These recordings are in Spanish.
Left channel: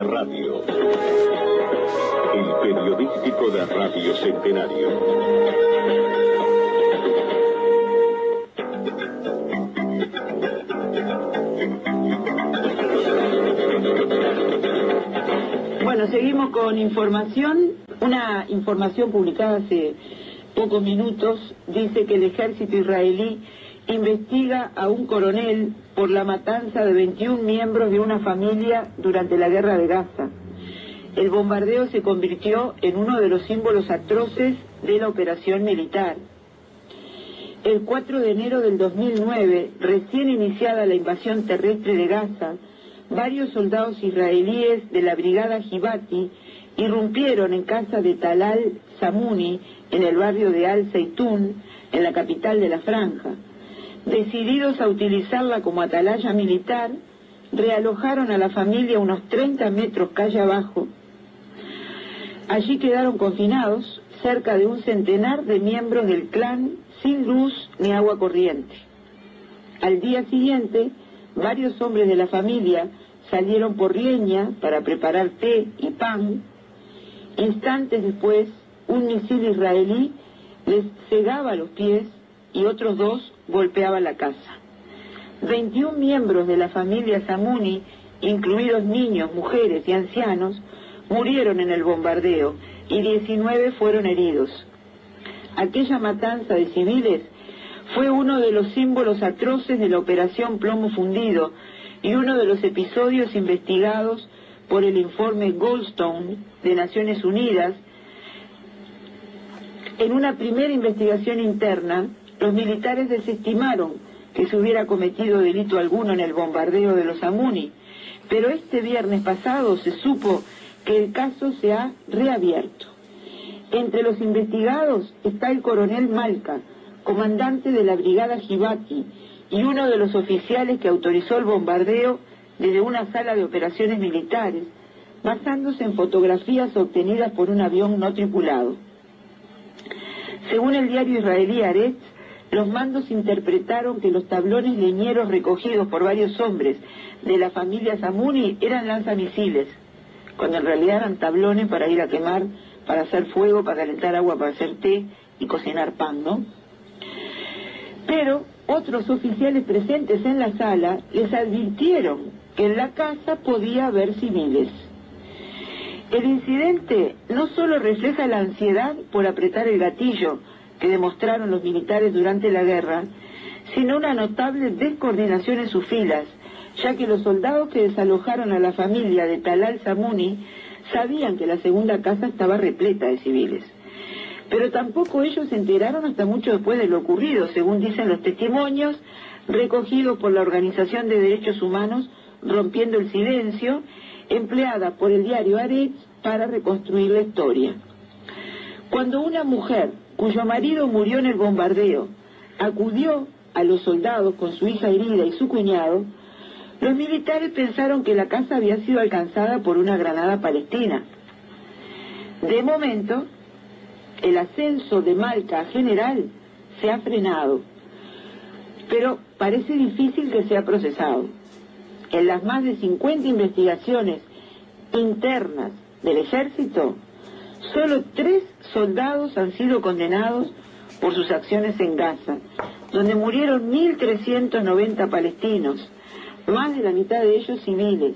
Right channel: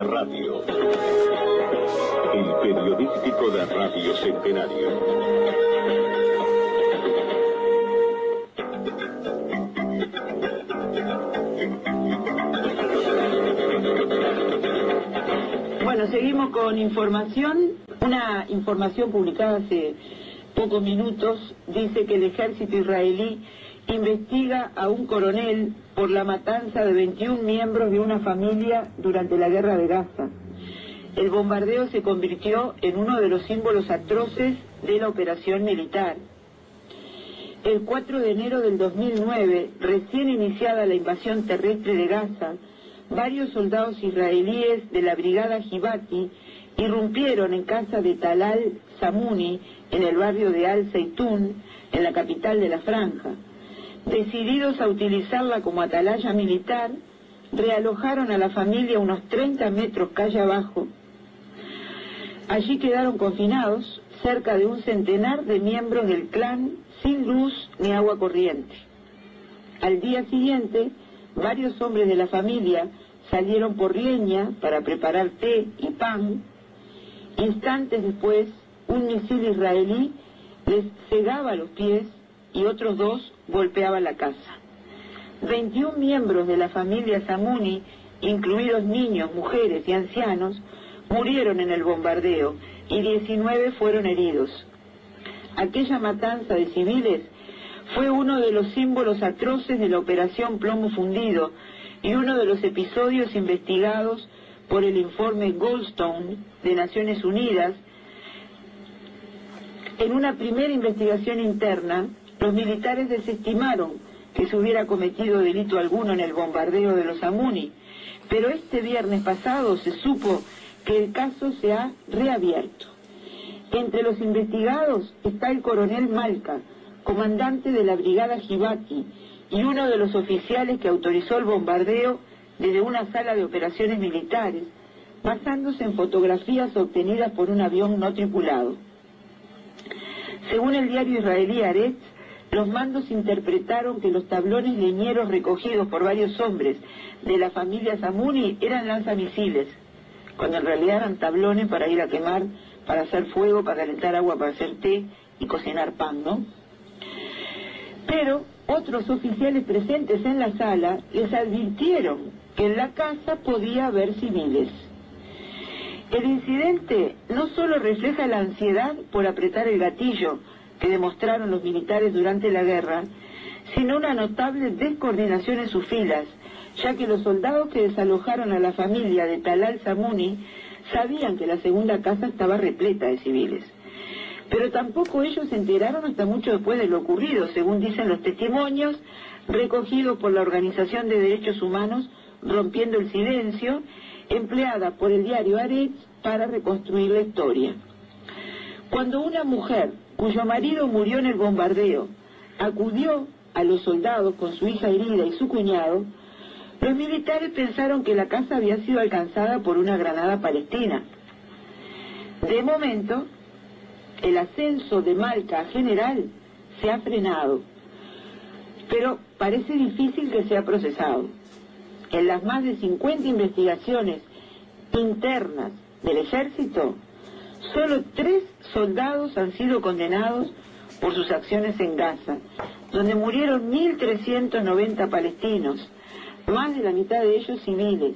Radio, el periodístico de Radio Centenario. Bueno, seguimos con información. Una información publicada hace pocos minutos dice que el ejército israelí investiga a un coronel por la matanza de 21 miembros de una familia durante la guerra de Gaza. El bombardeo se convirtió en uno de los símbolos atroces de la operación militar. El 4 de enero del 2009, recién iniciada la invasión terrestre de Gaza, varios soldados israelíes de la brigada Givati irrumpieron en casa de Talal Samuni, en el barrio de Al Zeitún, en la capital de la Franja. Decididos a utilizarla como atalaya militar, realojaron a la familia unos 30 metros calle abajo. Allí quedaron confinados cerca de un centenar de miembros del clan sin luz ni agua corriente. Al día siguiente, varios hombres de la familia salieron por leña para preparar té y pan. Instantes después, un misil israelí les cegaba los pies y otros dos golpeaban la casa. 21 miembros de la familia Samuni, incluidos niños, mujeres y ancianos, murieron en el bombardeo y 19 fueron heridos. Aquella matanza de civiles fue uno de los símbolos atroces de la Operación Plomo Fundido y uno de los episodios investigados por el informe Goldstone de Naciones Unidas. En una primera investigación interna, los militares desestimaron que se hubiera cometido delito alguno en el bombardeo de los Samuni, pero este viernes pasado se supo que el caso se ha reabierto. Entre los investigados está el coronel Malka, comandante de la brigada Givati, y uno de los oficiales que autorizó el bombardeo desde una sala de operaciones militares, basándose en fotografías obtenidas por un avión no tripulado. Según el diario israelí Haaretz, los mandos interpretaron que los tablones leñeros recogidos por varios hombres de la familia Samuni eran lanzamisiles, cuando en realidad eran tablones para ir a quemar, para hacer fuego, para calentar agua, para hacer té y cocinar pan, ¿no? Pero otros oficiales presentes en la sala les advirtieron que en la casa podía haber civiles. El incidente no solo refleja la ansiedad por apretar el gatillo que demostraron los militares durante la guerra, sino una notable descoordinación en sus filas, ya que los soldados que desalojaron a la familia de Talal Samuni sabían que la segunda casa estaba repleta de civiles. Pero tampoco ellos se enteraron hasta mucho después de lo ocurrido, según dicen los testimonios recogidos por la Organización de Derechos Humanos Rompiendo el Silencio, empleada por el diario Haaretz para reconstruir la historia. Cuando una mujer cuyo marido murió en el bombardeo acudió a los soldados con su hija herida y su cuñado, los militares pensaron que la casa había sido alcanzada por una granada palestina. De momento, el ascenso de Malka a general se ha frenado, pero parece difícil que sea procesado. En las más de 50 investigaciones internas del ejército, solo 3 soldados han sido condenados por sus acciones en Gaza, donde murieron 1.390 palestinos, más de la mitad de ellos civiles.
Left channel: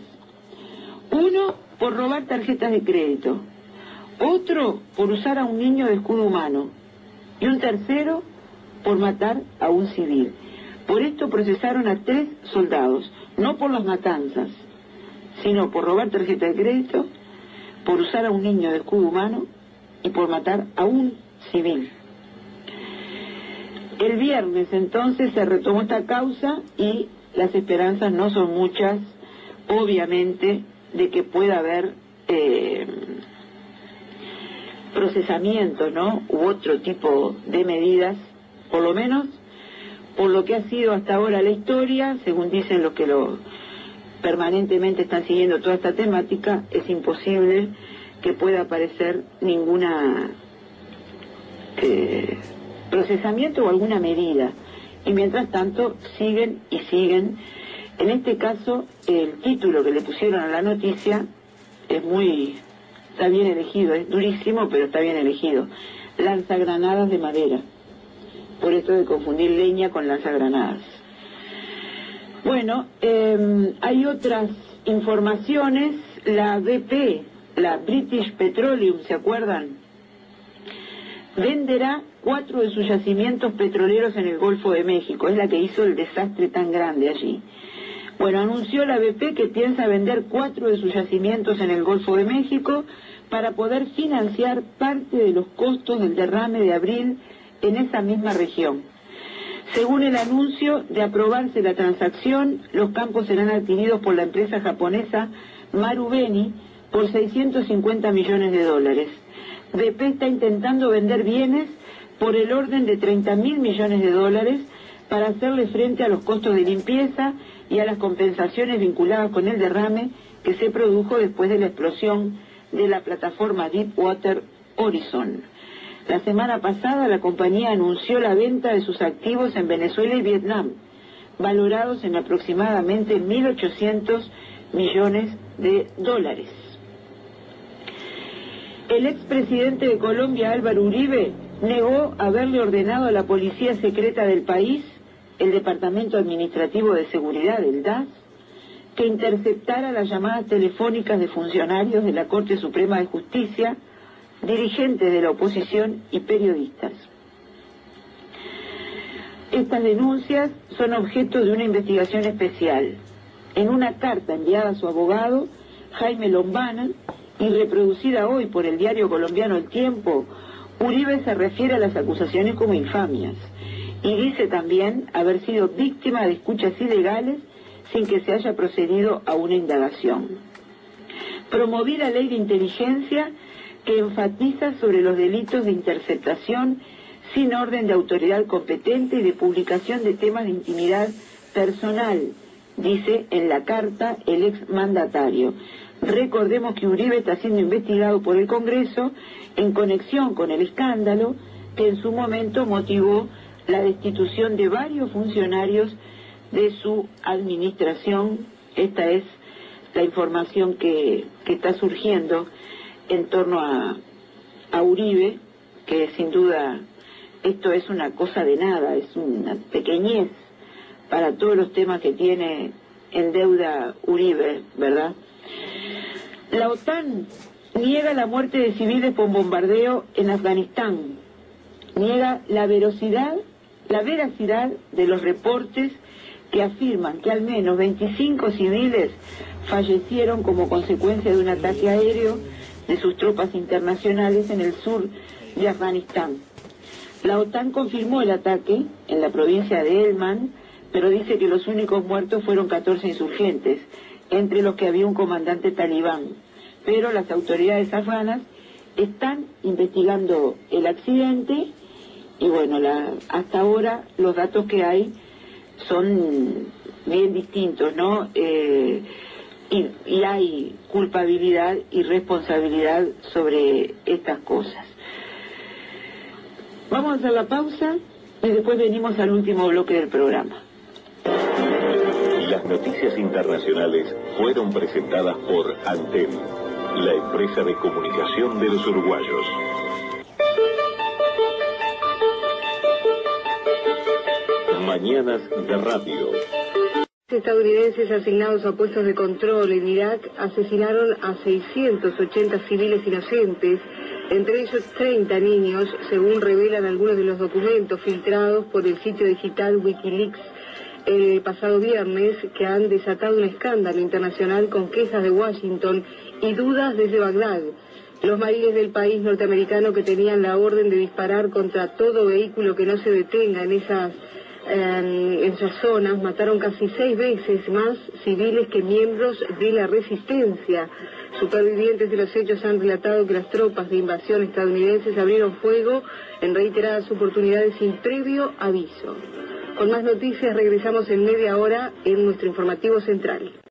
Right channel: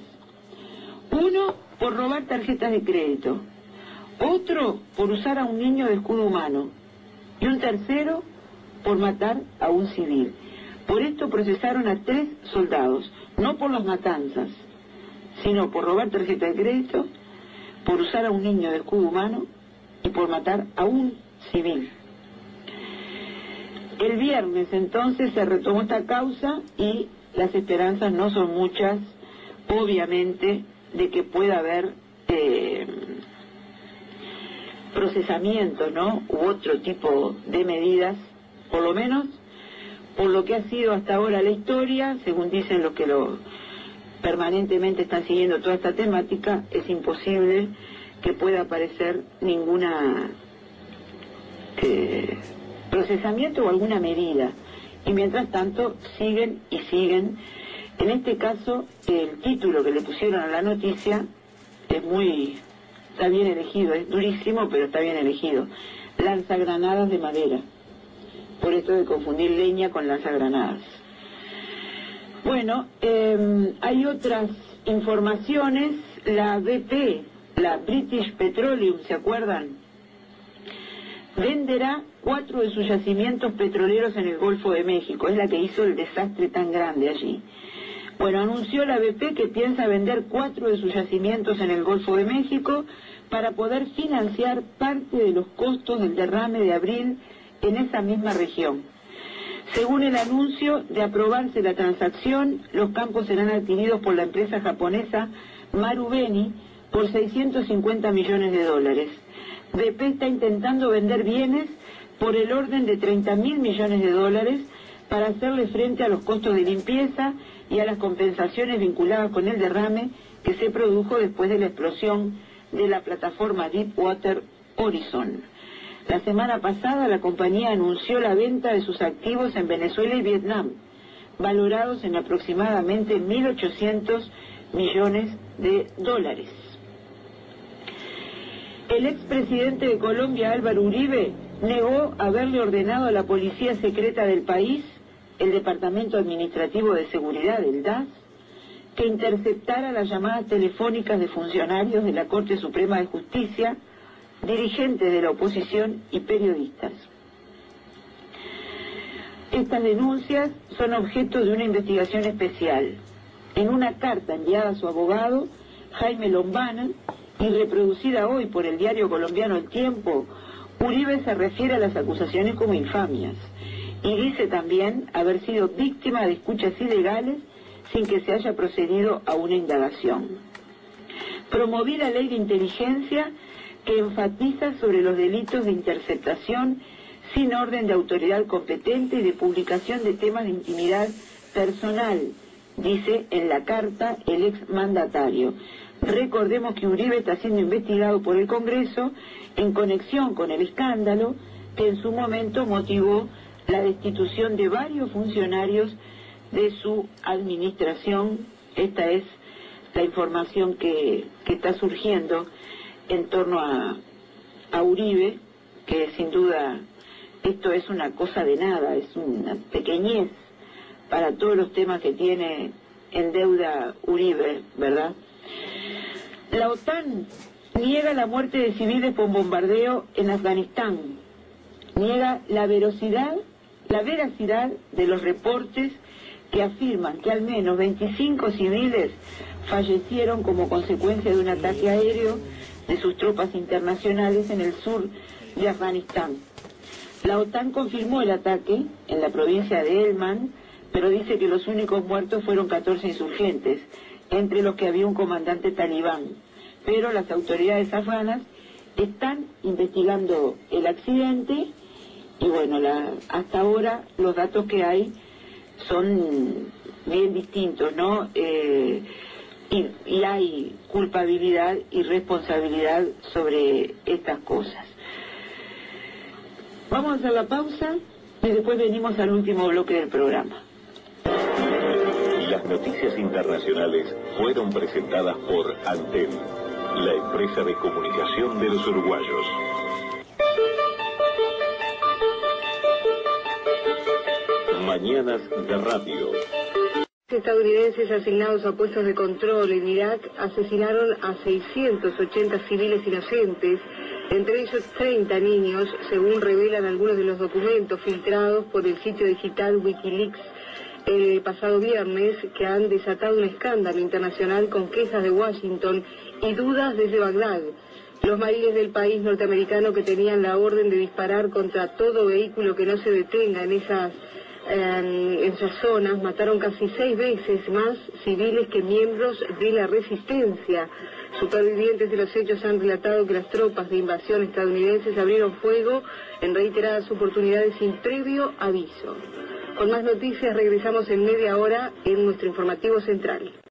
Uno por robar tarjetas de crédito, otro por usar a un niño de escudo humano y un tercero por matar a un civil. Por esto procesaron a 3 soldados, no por las matanzas, sino por robar tarjeta de crédito, por usar a un niño de escudo humano y por matar a un civil. El viernes entonces se retomó esta causa y las esperanzas no son muchas, obviamente, de que pueda haber procesamiento, ¿no?, u otro tipo de medidas, por lo menos por lo que ha sido hasta ahora la historia, según dicen los que permanentemente están siguiendo toda esta temática, es imposible que pueda aparecer ninguna procesamiento o alguna medida. Y mientras tanto siguen y siguen. En este caso, el título que le pusieron a la noticia está bien elegido, es durísimo, pero está bien elegido. Lanzagranadas de madera, por esto de confundir leña con lanzagranadas. Bueno, hay otras informaciones. La BP, la British Petroleum, ¿se acuerdan? Venderá 4 de sus yacimientos petroleros en el Golfo de México. Es la que hizo el desastre tan grande allí. Bueno, anunció la BP que piensa vender 4 de sus yacimientos en el Golfo de México para poder financiar parte de los costos del derrame de abril en esa misma región. Según el anuncio, de aprobarse la transacción, los campos serán adquiridos por la empresa japonesa Marubeni por $650 millones. BP está intentando vender bienes por el orden de $30.000 millones para hacerle frente a los costos de limpieza y a las compensaciones vinculadas con el derrame que se produjo después de la explosión de la plataforma Deepwater Horizon. La semana pasada la compañía anunció la venta de sus activos en Venezuela y Vietnam, valorados en aproximadamente $1.800 millones. El expresidente de Colombia, Álvaro Uribe, negó haberle ordenado a la policía secreta del país, el Departamento Administrativo de Seguridad, el DAS, que interceptara las llamadas telefónicas de funcionarios de la Corte Suprema de Justicia, dirigentes de la oposición y periodistas. Estas denuncias son objeto de una investigación especial. En una carta enviada a su abogado, Jaime Lombana, y reproducida hoy por el diario colombiano El Tiempo, Uribe se refiere a las acusaciones como infamias y dice también haber sido víctima de escuchas ilegales sin que se haya procedido a una indagación. Promoví la ley de inteligencia que enfatiza sobre los delitos de interceptación sin orden de autoridad competente y de publicación de temas de intimidad personal, dice en la carta el exmandatario. Recordemos que Uribe está siendo investigado por el Congreso en conexión con el escándalo que en su momento motivó la destitución de varios funcionarios de su administración. Esta es la información que está surgiendo en torno a Uribe, que sin duda esto es una cosa de nada, es una pequeñez para todos los temas que tiene en deuda Uribe, ¿verdad? La OTAN niega la muerte de civiles por bombardeo en Afganistán, niega la veracidad de los reportes que afirman que al menos 25 civiles fallecieron como consecuencia de un ataque aéreo de sus tropas internacionales en el sur de Afganistán. La OTAN confirmó el ataque en la provincia de Helmand, pero dice que los únicos muertos fueron 14 insurgentes, entre los que había un comandante talibán. Pero las autoridades afganas están investigando el accidente y bueno, hasta ahora los datos que hay son bien distintos, ¿no? Y hay culpabilidad y responsabilidad sobre estas cosas. Vamos a hacer la pausa y después venimos al último bloque del programa. Las noticias internacionales fueron presentadas por Antel, la empresa de comunicación de los uruguayos. Mañanas de radio. Estadounidenses asignados a puestos de control en Irak asesinaron a 680 civiles inocentes, entre ellos 30 niños, según revelan algunos de los documentos filtrados por el sitio digital Wikileaks el pasado viernes, que han desatado un escándalo internacional con quejas de Washington y dudas desde Bagdad. Los marines del país norteamericano, que tenían la orden de disparar contra todo vehículo que no se detenga en esas zonas, mataron casi 6 veces más civiles que miembros de la resistencia. Supervivientes de los hechos han relatado que las tropas de invasión estadounidenses abrieron fuego en reiteradas oportunidades sin previo aviso. Con más noticias regresamos en media hora en nuestro informativo central.